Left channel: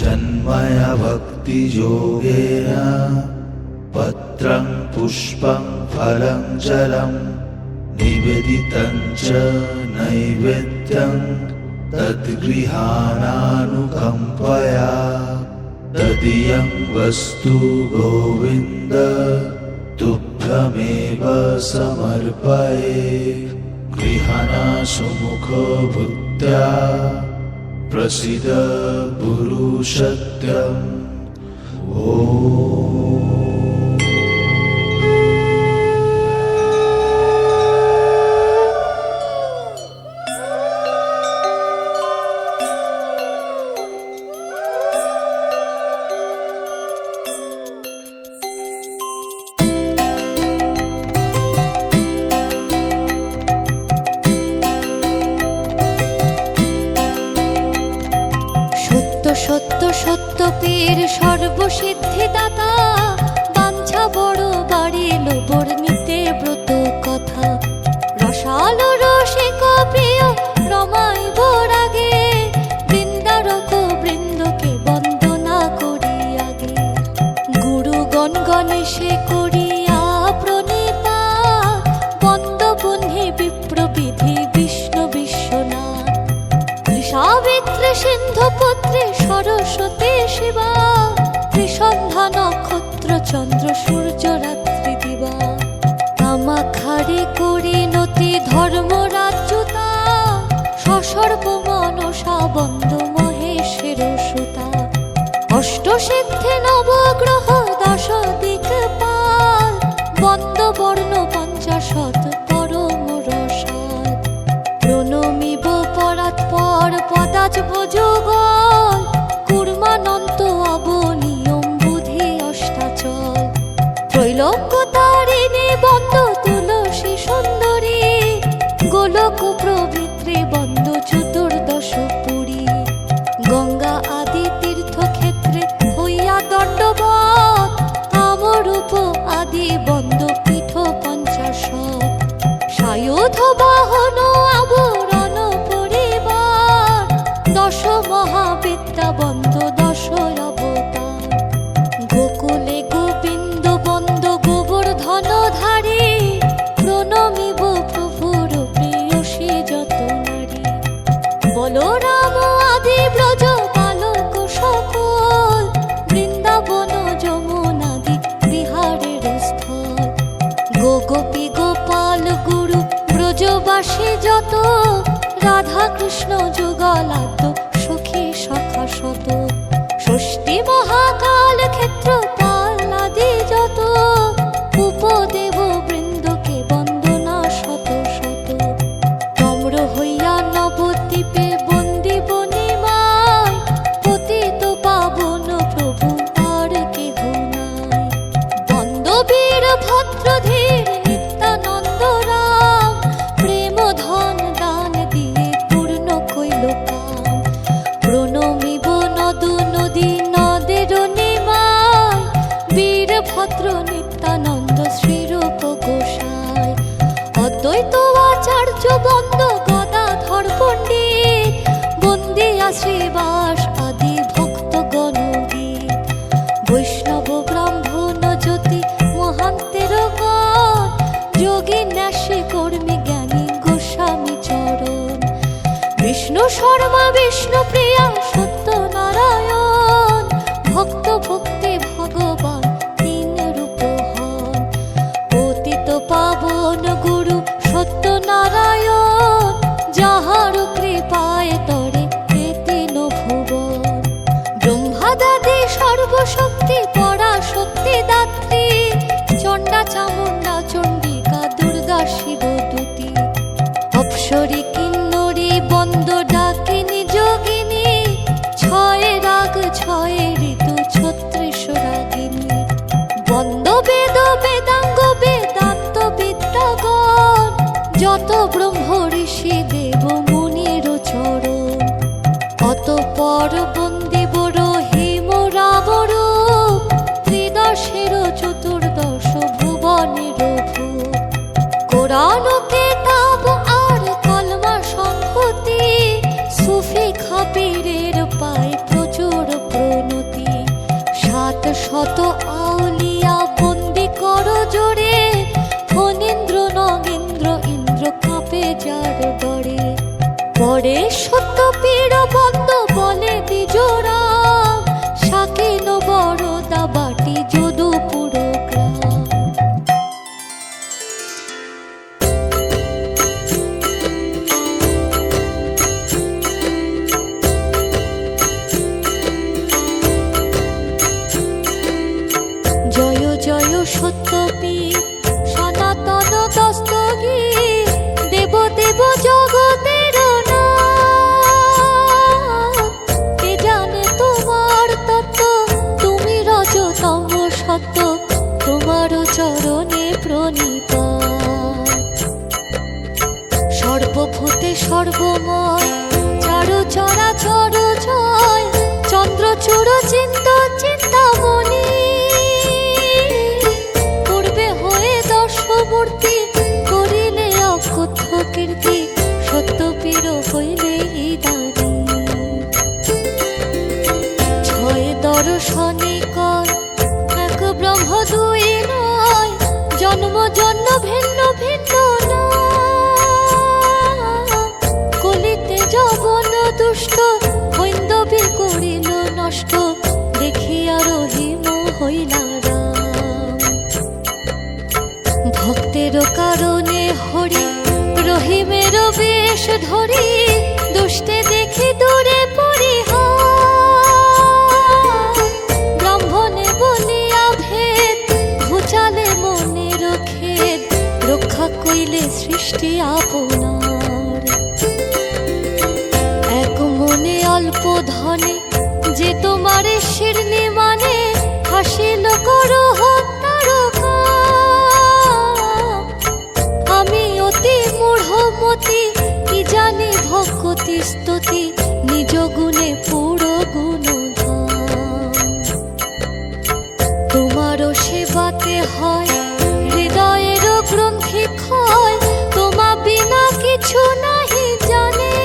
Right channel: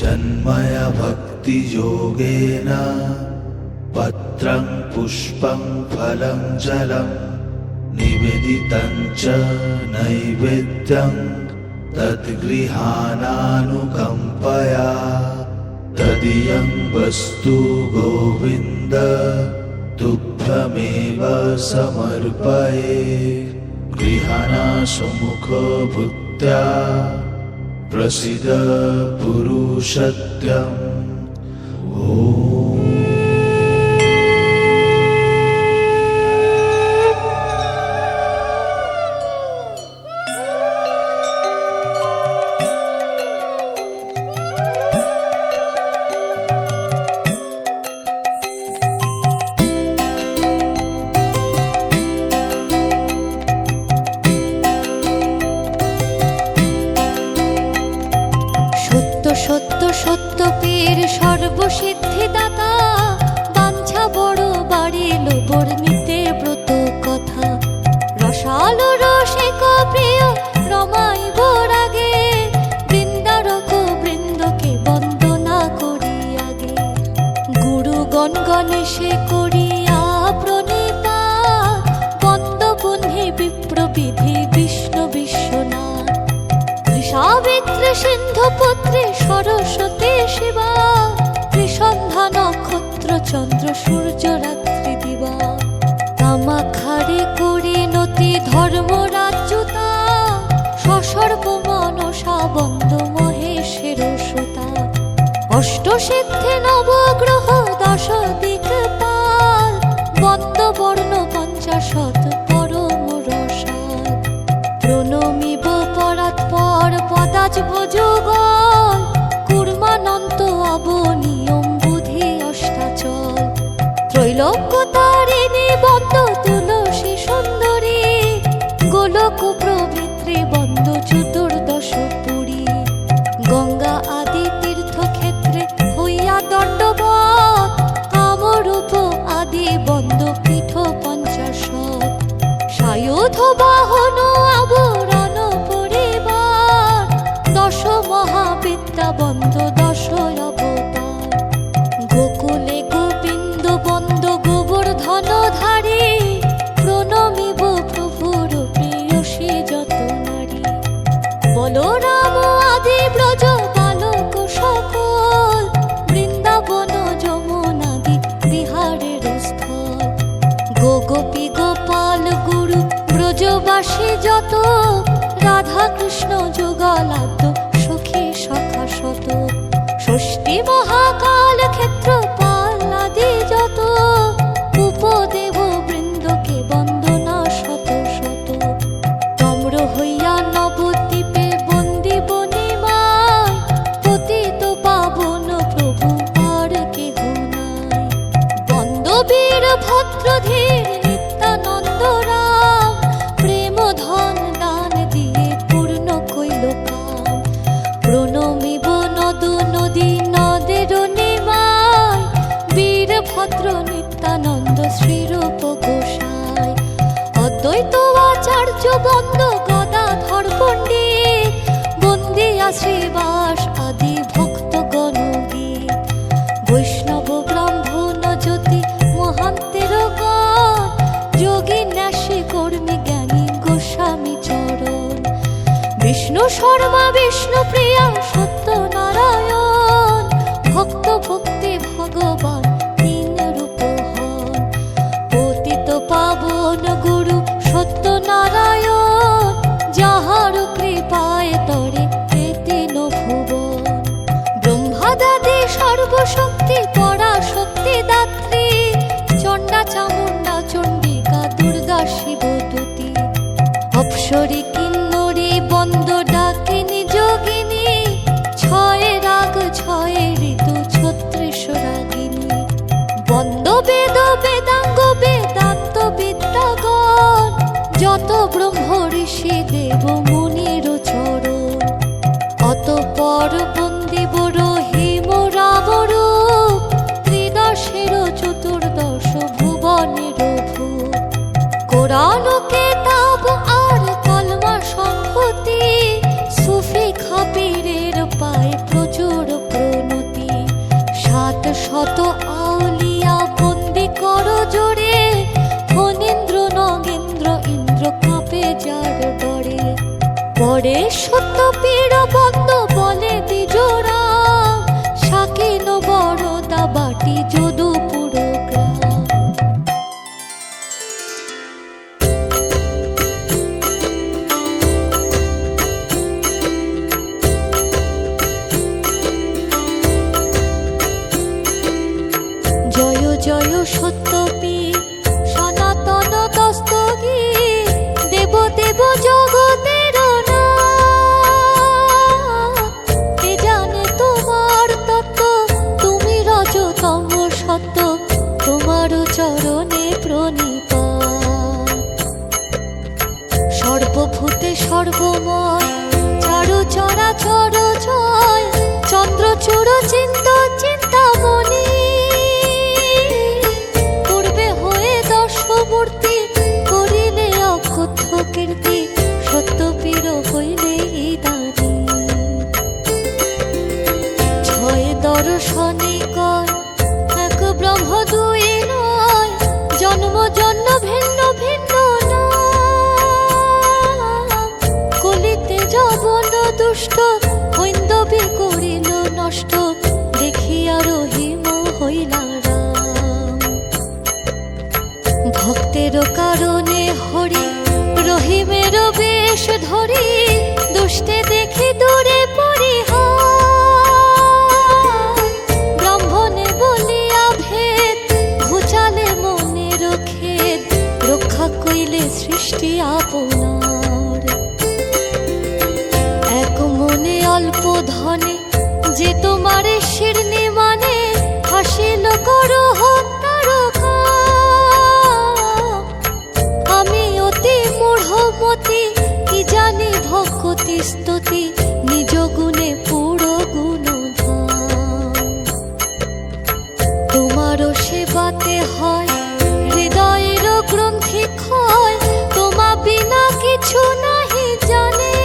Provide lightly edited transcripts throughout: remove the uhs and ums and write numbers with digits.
जन्मय भक्तियोगेन पत्रं पुष्पं फलं जलं निवेदितं च नैवेद्यं तद्गृहाणानुकम्पया तदीयं वस्तु गोविन्द तुभ्यमेव समर्पये। गृहाणासुमुखभूत्या प्रसीद पुरुषोत्तम। ओम। সত্য সত্য পীর সর্বসিদ্ধিদাতা, বাঞ্ছা বড় বাড়িল বর্ণিতে ব্রত কথা। রসালো রসিক প্রিয় রমাইব রাগে, বৃন্দারক বৃন্দকে বন্দনা করি আগে। গুরুগণ গণেশে করিয়া প্রণিপাত, বন্দবহ্নি বিপ্রবিধি বিষ্ণু বিশ্বনাথ। সাবিত্রী সিন্ধুপুত্রী সরস্বতী শিবা, ত্রিসন্ধ্যা নক্ষত্র চন্দ্র সূর্য রাত্রি দিবা। কামাখারে করিণতি ধর্মরাজ্যতা, সসর্ব মনসা বন্দ মহেশের সুতা। অষ্টসিদ্ধি নবগ্রহ দশ দিকপাল, বন্দ বর্ণ পঞ্চাশত পরম রসাল। প্রণমিব পরাৎপর পদাজব যুগল, কুর্মানন্ত অবনিয়ম বুধি অষ্টাচল। ত্রৈলোক্য তারিণী বন্দ তুলসী সুন্দরী, গোলক প্রভৃত্রী বন্দ চতুর্দশ পুরী। গঙ্গা আদি তীর্থক্ষেত্রে হইয়া দণ্ডবৎ, কামরূপ আদি বন্দ পীঠ পঞ্চাশত। সায়ুধ বাহন আবরণ পরিবার, দশ মহাবিদ্যা বন্দ দশ অবতার। গোকুলে গোবিন্দ বন্দ গোবর্ধনধারী, প্রণমিব প্রভুর প্রেয়সী যত নারী। বলরাম আদি ব্রজ বালক সকল, বৃন্দাবন যমুনাদি বিহারের স্থল। গোপী গোপাল গুরু ব্রজবাসী যত, রাধা কৃষ্ণ যুগলাদ্য সখী সখা শত। ষষ্ঠী মহাকাল ক্ষেত্র পালাদি যত, উপদেব বৃন্দকে বন্দনা শত শত। নম্র হইয়া নবদ্বীপে বন্দি বনিমায়, পতিত পাবন প্রভু আর কেহ নাই। বন্দ বীর ভদ্রধীর নিত্যানন্দ রাম, প্রেম ধন দান দিয়ে পূর্ণ কইল কাম। প্রণমিব নদ নদী নদের নিমায়, বীর ভদ্র নিত্যানন্দ শ্রীরূপ গোসাই। অদ্বৈত আচার্য বন্দ গদাধর পণ্ডিত, বন্দিয়া শ্রীবাস আদি ভক্তগণ গীত। বৈষ্ণব ব্রাহ্মণ জ্যোতি মহান্তের গণ, যোগী ন্যাসী কর্মী জ্ঞানী গোস্বামী চরণ। বিষ্ণু শর্মা বিষ্ণু প্রিয়া সত্যনারায়ণ, ভক্ত ভক্তি ভগবান তিন রূপ হন। পতিত পাবন গুরু সত্যনারায়ণ, যাহার কৃপায় তরে তিন ভুবন। ব্রহ্মাদাদি সর্বশক্তি পরাশক্তি দাত্রী, চণ্ডা চামুণ্ডা চণ্ডিকা দুর্গা শিব দূতী। অপ্সরী কিন্নরী বন্দ ডাকিনী যোগিনী, ছয় রাগ ছয় ঋতু ছত্রিশ রাগিনী। বন্দ বেদ বেদাঙ্গ বেদান্ত বিদ্যাগণ, যত ব্রহ্ম ঋষি দেব মুনির চরণ। অতঃপর বন্দিব রহিম রাম রূপ, ত্রিদশের চতুর্দশ ভুবনের ভূপ। কোরআন কেতাব আর কলমা সংহতি, সুফি খাবিরের পায় প্রচুর পরে সত্য পীর বন্ধ বলে দ্বিজোরা, শাকিল বড়দা বাটি যদুপুর গ্রাম। জয় জয় সত্যপীর সনাতন দস্তগীর, দেব দেব জগতের নাথ। কে জানে তোমার তত্ত্ব, তুমি রজতম সত্য, তোমার চরণে প্রণিপাত। সর্বভূতে সর্বময়, চারু চরাচর জয়, চন্দ্রচূড় চিন্ত চিন্তামণি। দর্শমূর্তি করিলে অকথ্য কীর্তি, সত্যপীর হইলে দানি। ছয় দর্শনে কয় এক ব্রহ্ম দুই নয়, জন্ম জন্ম ভিন্ন ভিন্ন নাম। কলিতে যবন দুষ্ট, হৈন্দবী করিল নষ্ট, দেখিয়া রহিম হইলা রাম। ভক্তের কারণে হরি রহিমের বেশ ধরি, দুষ্টে দেখি দূরে পরিহার। ব্রাহ্মণে বলিয়া ভেদ, ঘুচালে মনের খেদ, রক্ষা কইলে সৃষ্টি আপনার। এক মনে অল্প ধনে, যে তোমারে শিরনি মানে, হাসিল করো হত্যার কাম। আমি অতি মূঢ়মতি, কি জানি ভক্তি স্তুতি, নিজ গুণে পুরো গুণধাম। তোমারও সেবাতে হয় হৃদয়ের গ্রন্থি ক্ষয়, তোমা বিনা কিছু নাহি জানে।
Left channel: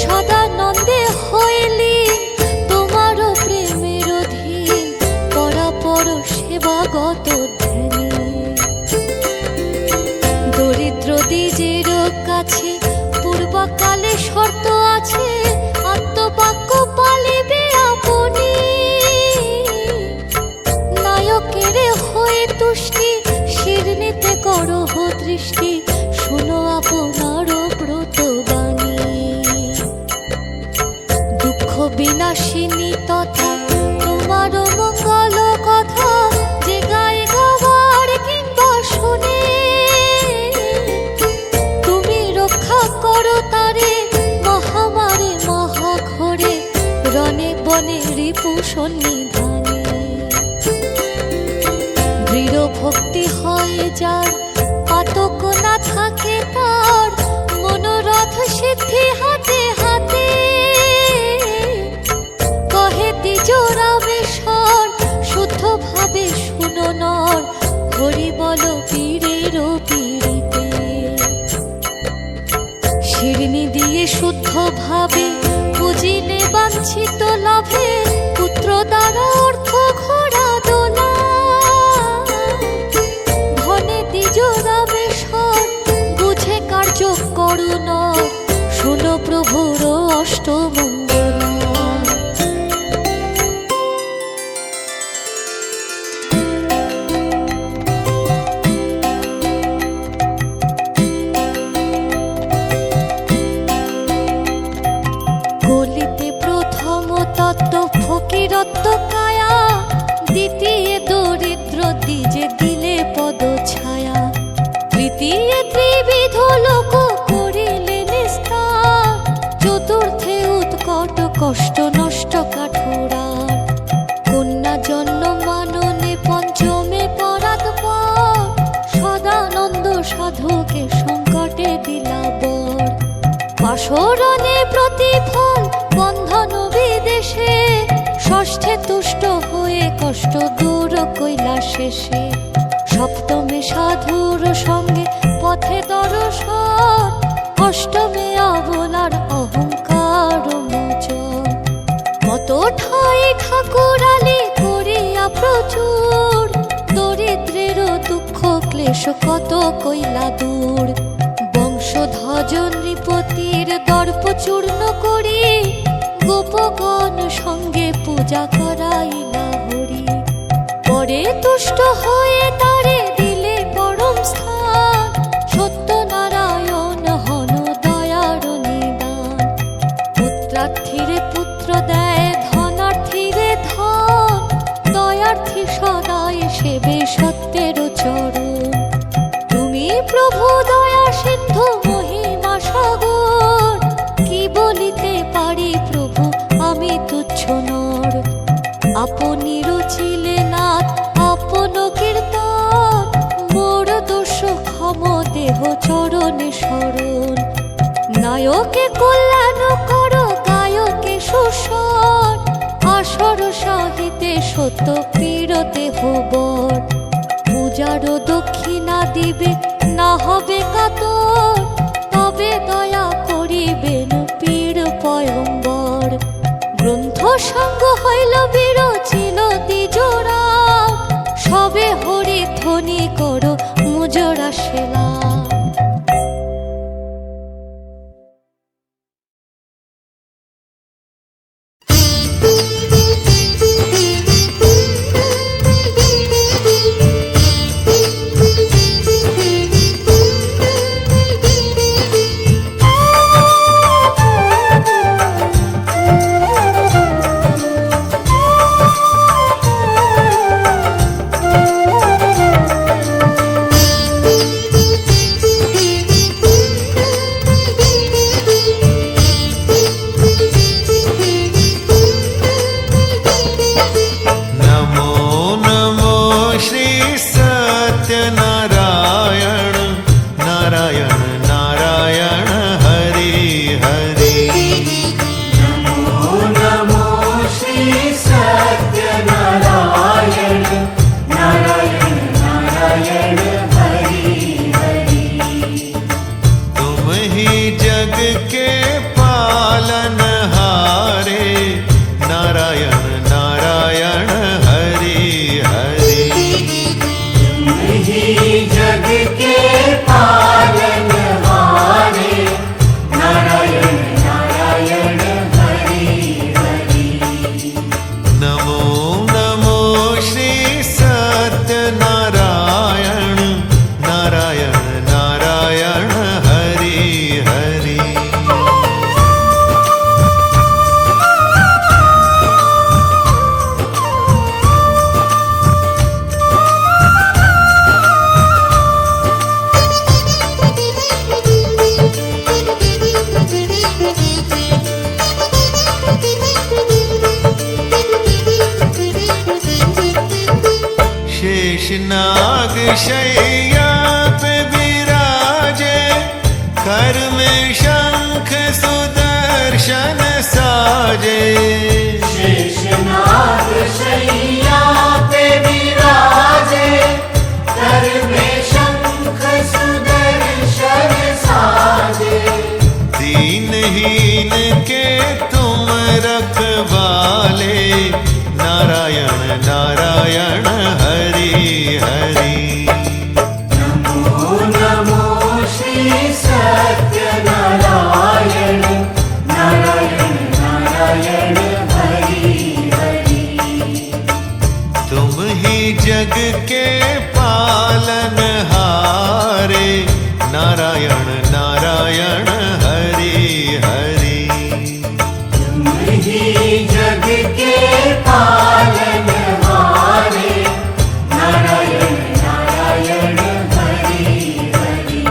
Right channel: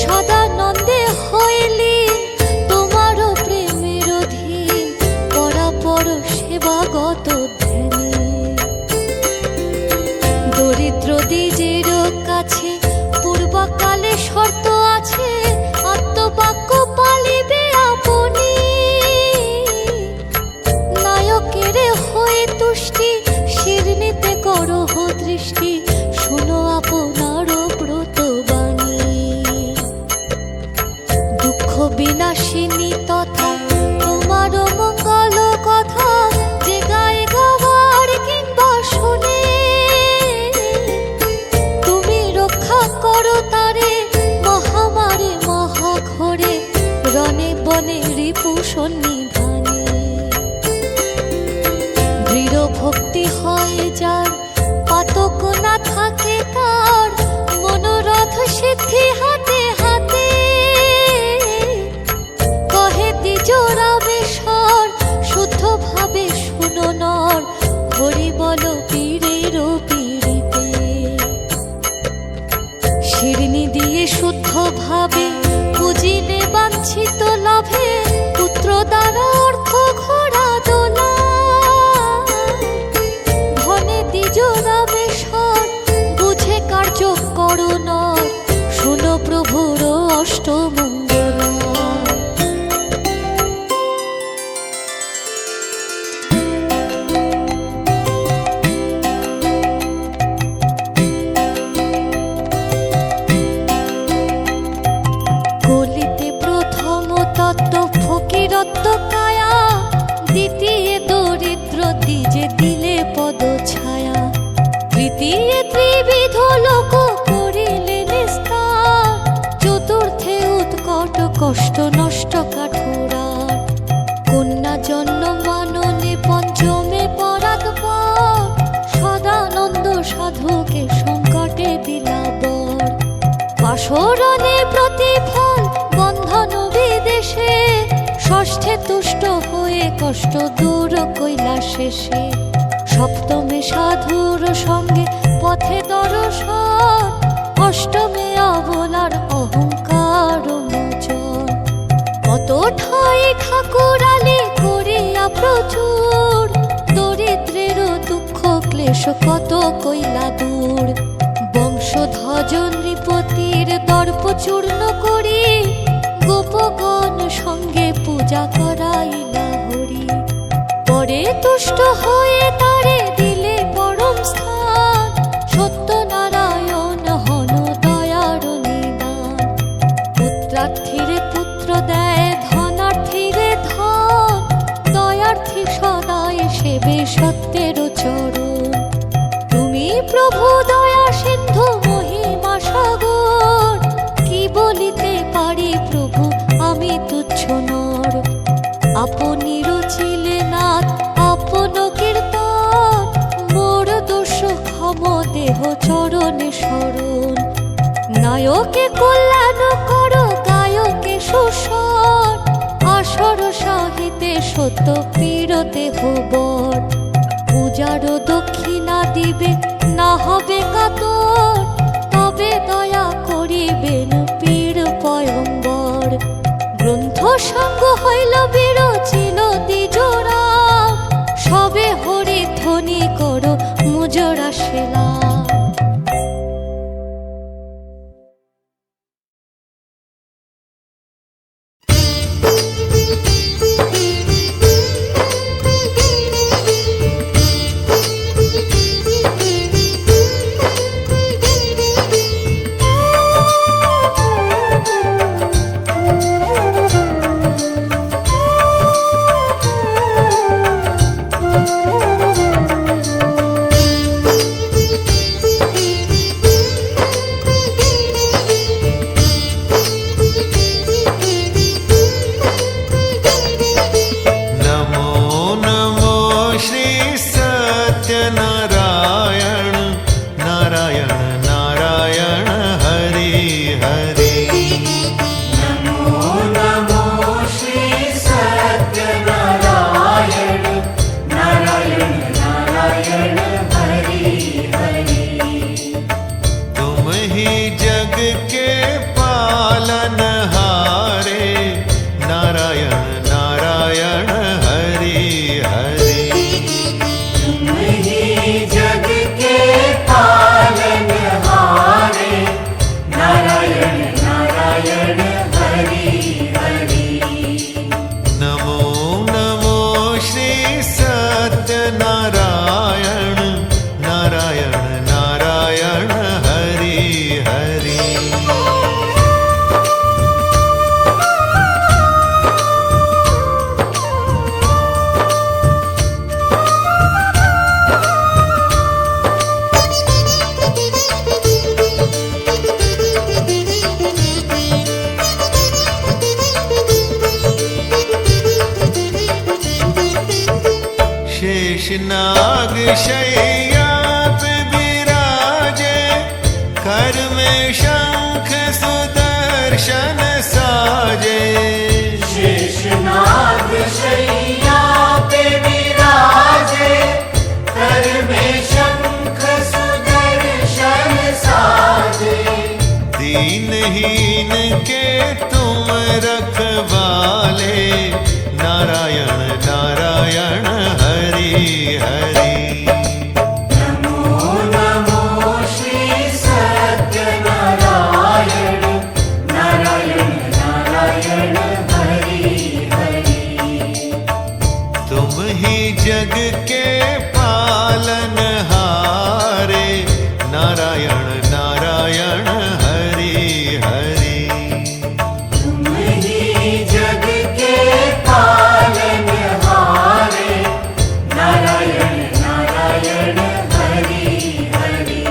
সদানন্দে হইলি তোমারও প্রেমের অধীন, পরাপর সেবাগত ধ্যানে। দরিদ্র দ্বিজের কাছে পূর্বকালে শর্ত আছে, আত্মবাক্য পালিবে আপনি। নায়কের হয়ে তুষ্টি, শিরনিতে করহ দৃষ্টি, শুনো আপনার ব্রতবাণী। দুঃখ বিনাশিনী তথা তোমার মঙ্গল কথা, যে গায়ে গাওয়ার কিংবা শুনে। তুমি রক্ষা করো তারে মহামারে মহাঘরে, রণে বনে রিপু সন্নিধানে। দৃঢ় ভক্তি হয় যার, পাতক না থাকে তার, মনোরথ সিদ্ধি হাতে হাতে। কহে দ্বিজরামেশ্বর, শুদ্ধ ভাবে শুনো নর, হরি বল পীরের পীড়িতে। শিরনি দিয়ে শুদ্ধ ভাবে বুঝিলে বাঞ্ছিত লাভে, পুত্র দ্বারা অর্থ ঘোড়া দোলা। ধনে দ্বিজরামেশ্বর, বুঝে কার্য করো নর, শুনো প্রভুর অষ্টমঙ্গলা। কলিতে প্রথম তত্ত্ব ফকিরত্ব কায়া, দ্বিতীয় দরিদ্র দ্বিজে দিলে পদ ছায়া। তৃতীয় ত্রিবিধ লোক করিলে নিস্তার, চতুর্থে উৎকট কষ্ট নষ্ট কাঠুরার। কন্যা জন্ম মাননে পঞ্চমে পরাৎপর, সদানন্দ সাধুকে সংকটে দিলা বর। পাশরণে প্রতিফল বন্ধন বিদেশে, ষষ্ঠে তুষ্ট হয়ে কষ্ট দূর কইলা শেষে। সপ্তমে সাধুর সঙ্গে পথে দর্শন, অষ্টমে অবলার অহংকার মোচন। কত ঠাই ঠাকুরালি করিয়া প্রচুর, দরিদ্রের দুঃখ ক্লেশ কত কইলা দূর। বংশ বৃষধ্বজন নৃপতির দর্প চূর্ণ করি গোপগণ সঙ্গে পূজা করাইলা হরি। পরে তুষ্ট হয়ে তারে দিলে পরম স্থান, সত্যনারায়ণ হন দয়ার নিদান। পুত্রার্থীরে পুত্র দেয় ধনার্থীরে ধন, দয়ার্থী সদাই সেবে সত্যের চরণ। তুমি প্রভু দয়া সিন্ধু মহিমা সাগর, কি বলিতে পারি প্রভু আমি তুচ্ছ নর। আপনি রচিলে নাথ আপন কীর্তন, মোর দোষ ক্ষম দেহ চরণে শরণ। নায়কে কল্যাণ করো গায়কে সুস্বর, আসর সাহিতে সত্য পীর দেহ বর। পূজার দক্ষিণা দিবে না হবে কাতর, তবে দয়া করিবেন পীর পয়ম্বর। গ্রন্থ সঙ্গ হইল বিরচিল দ্বিজোড়া, সবে হরি ধ্বনি করো মুজরা সেলা। जग के पालनहारे, नारायण नारायण हरि हरि। तुम ही जग के पालनहारे, नारायण नारायण हरि हरि। नमो नमो श्री सत्यनारायण, नारायण नारायण हरि हरि। शेषनाग शैया पे विराजे, कर में शंख सुदर्शन साजे। शेषनाग शैया पे विराजे, कर में शंख सुदर्शन साजे। दीनहीन के तुम रखवाले, नारायण नारायण हरि हरि। नमो नमो श्री सत्यनारायण, नारायण नारायण हरि हरि। तुम ही जग के पालनहारे, नारायण नारायण हरि हरि। तुम ही जग के पालनहारे, नारायण नारायण हरि हरि।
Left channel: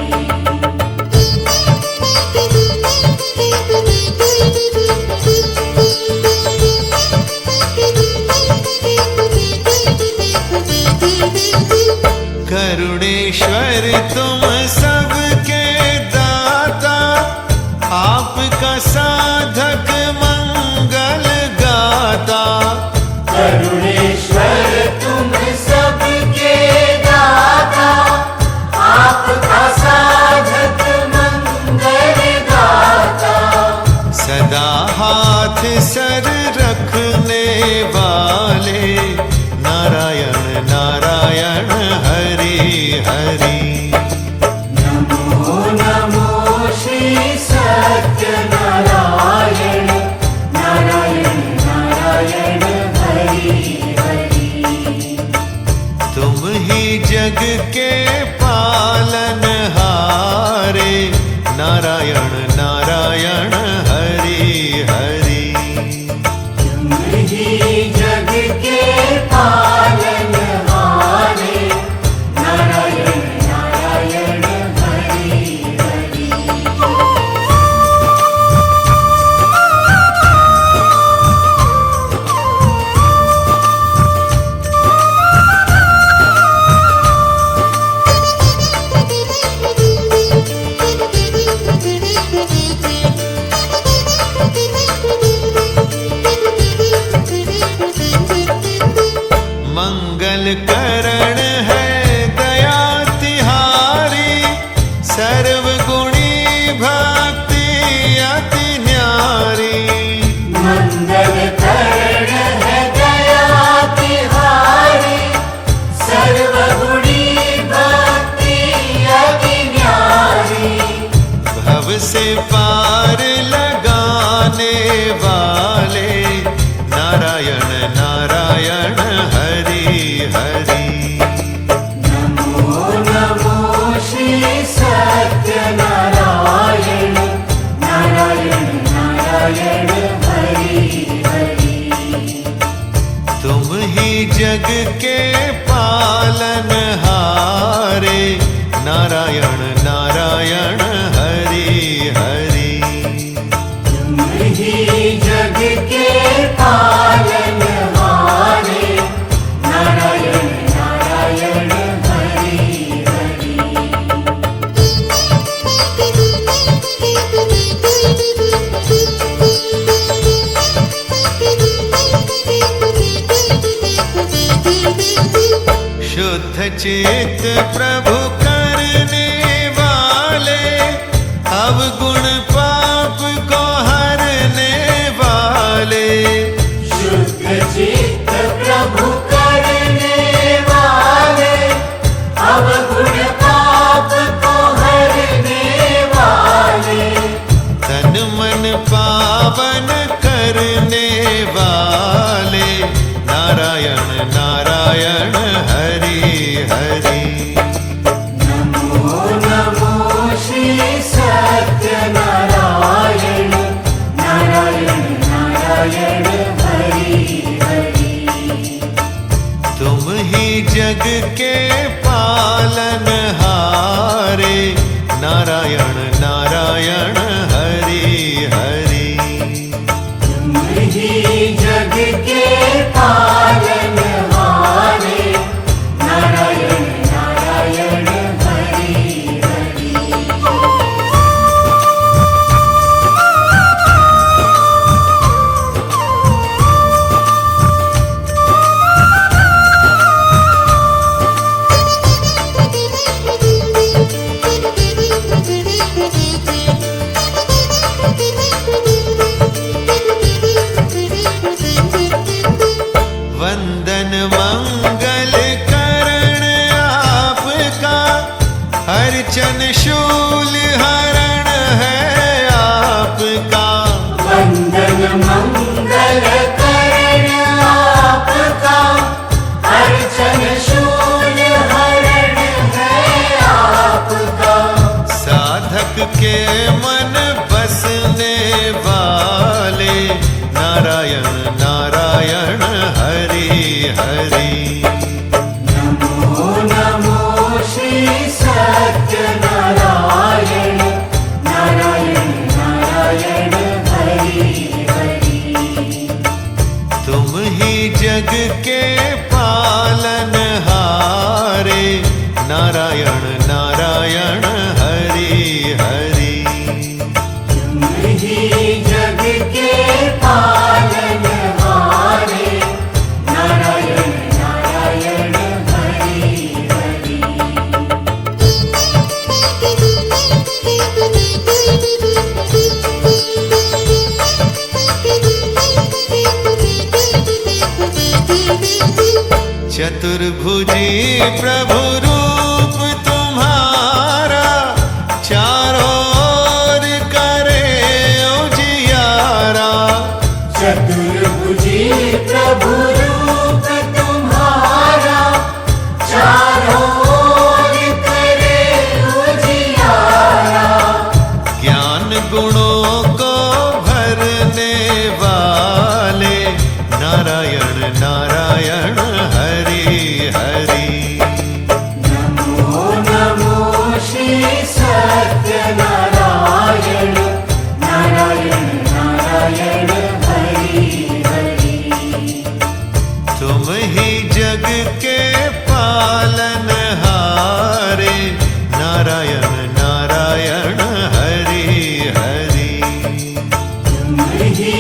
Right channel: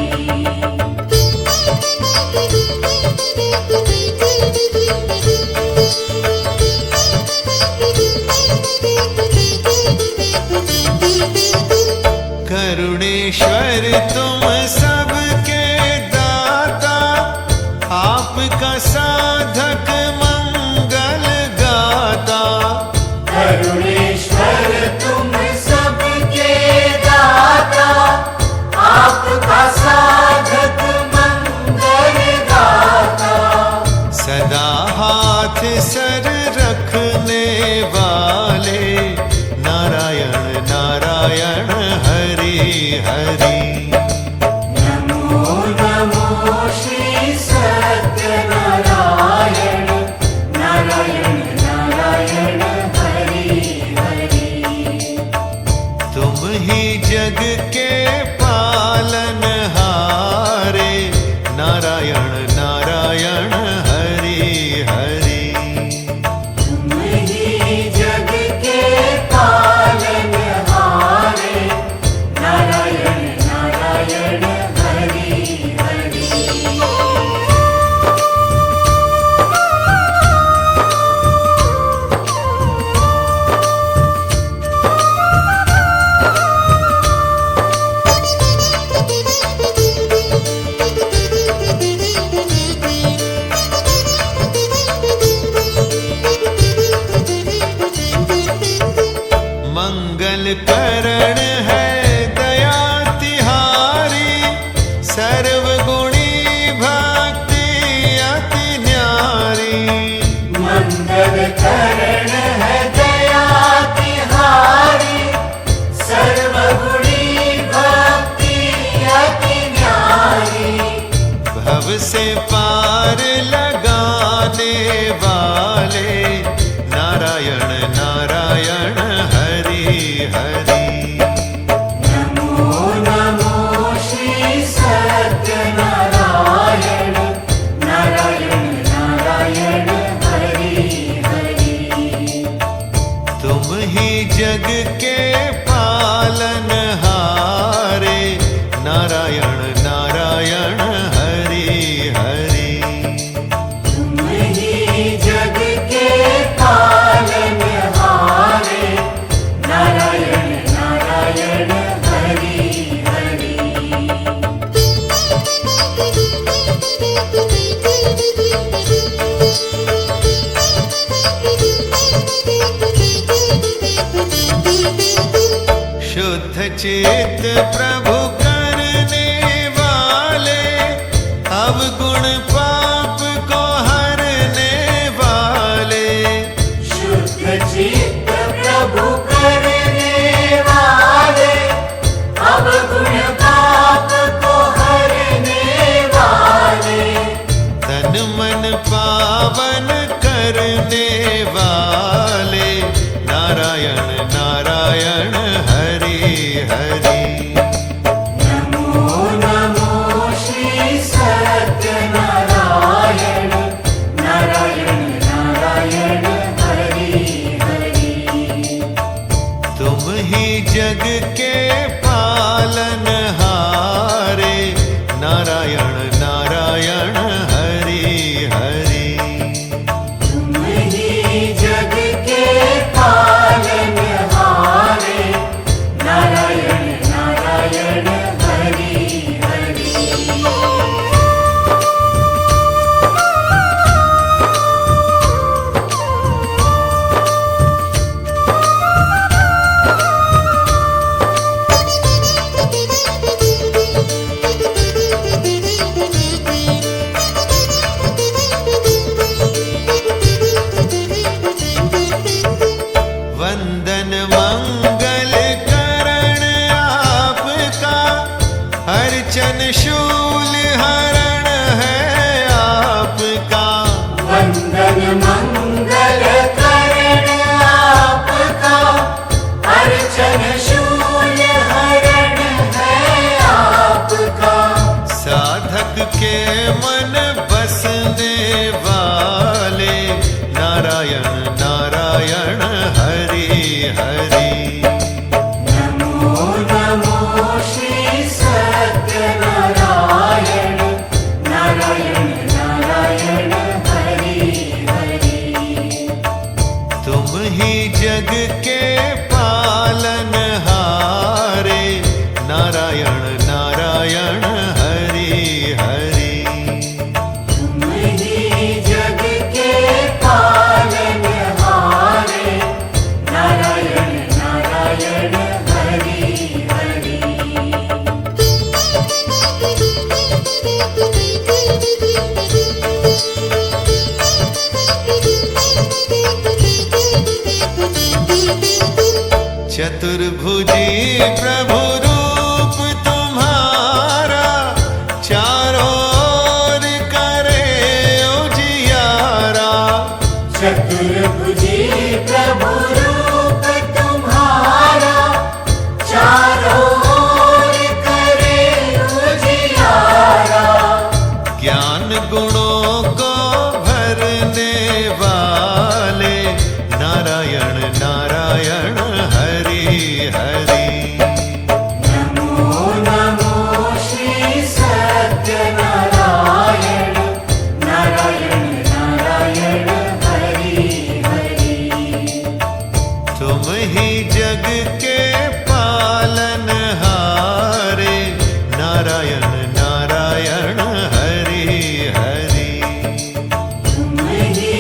करुणेश्वर तुम सबके दाता, आपका साधक मंगल गाता। करुणेश्वर तुम सबके दाता, आपका साधक मंगल गाता। सदा हाथ सर रखने वाले, नारायण नारायण हरि हरि। नमो नमो जग के पालनहारे नारायण नारायण हरि हरि। तुम ही जग के पालनहारे नारायण नारायण हरि हरि। मंगल करण है दया तिहारी सर्व गुणी भक्ति अति न्यारी। मंगल करण है दया तिहारी सर्व गुणी भक्ति अति न्यारी। भव से पार लगाने वाले नारायण नारायण हरि हरि। नमो नमो श्री सत्यनारायण नारायण नारायण हरि हरि। तुम ही जग के पालनहारे नारायण नारायण हरि हरि। तुम ही जग के पालनहारे नारायण नारायण हरि हरि। शुद्ध चित्त प्रभु करने वाले अवगुण पाप को हरने वाले। शुद्ध चित्त प्रभु करने वाले अवगुण पाप को हरने वाले। तन मन पावन करने वाले नारायण नारायण हरि हरि। नमो नमो श्री सत्यनारायण नारायण नारायण हरि हरि। तुम ही जग के पालनहारे नारायण नारायण हरि हरि। तुम ही जग के पालनहारे नारायण नारायण हरि हरि। वंदन मंगल करण आपका अर्चन शूल हरण है आपका। वंदन मंगल करण आपका अर्चन शूल हरण है आपका। साधक के मन बसने वाले नारायण नारायण हरि हरि। नमो नमो श्री सत्यनारायण नारायण नारायण हरि हरि। तुम ही जग के पालनहारे नारायण नारायण हरि हरि। तुम ही जग के पालनहारे नारायण नारायण हरि हरि। चतुर्भुजी प्रभु रूप तुम्हारा चारों ओर करे उजियारा। चतुर्भुजी प्रभु रूप तुम्हारा चारों गुणों को भरने वाले नारायण नारायण हरि हरि नमो नमो श्री सत्यनारायण नारायण नारायण हरि हरि तुम ही जग के पालनहारे नारायण नारायण हरि हरि तुम ही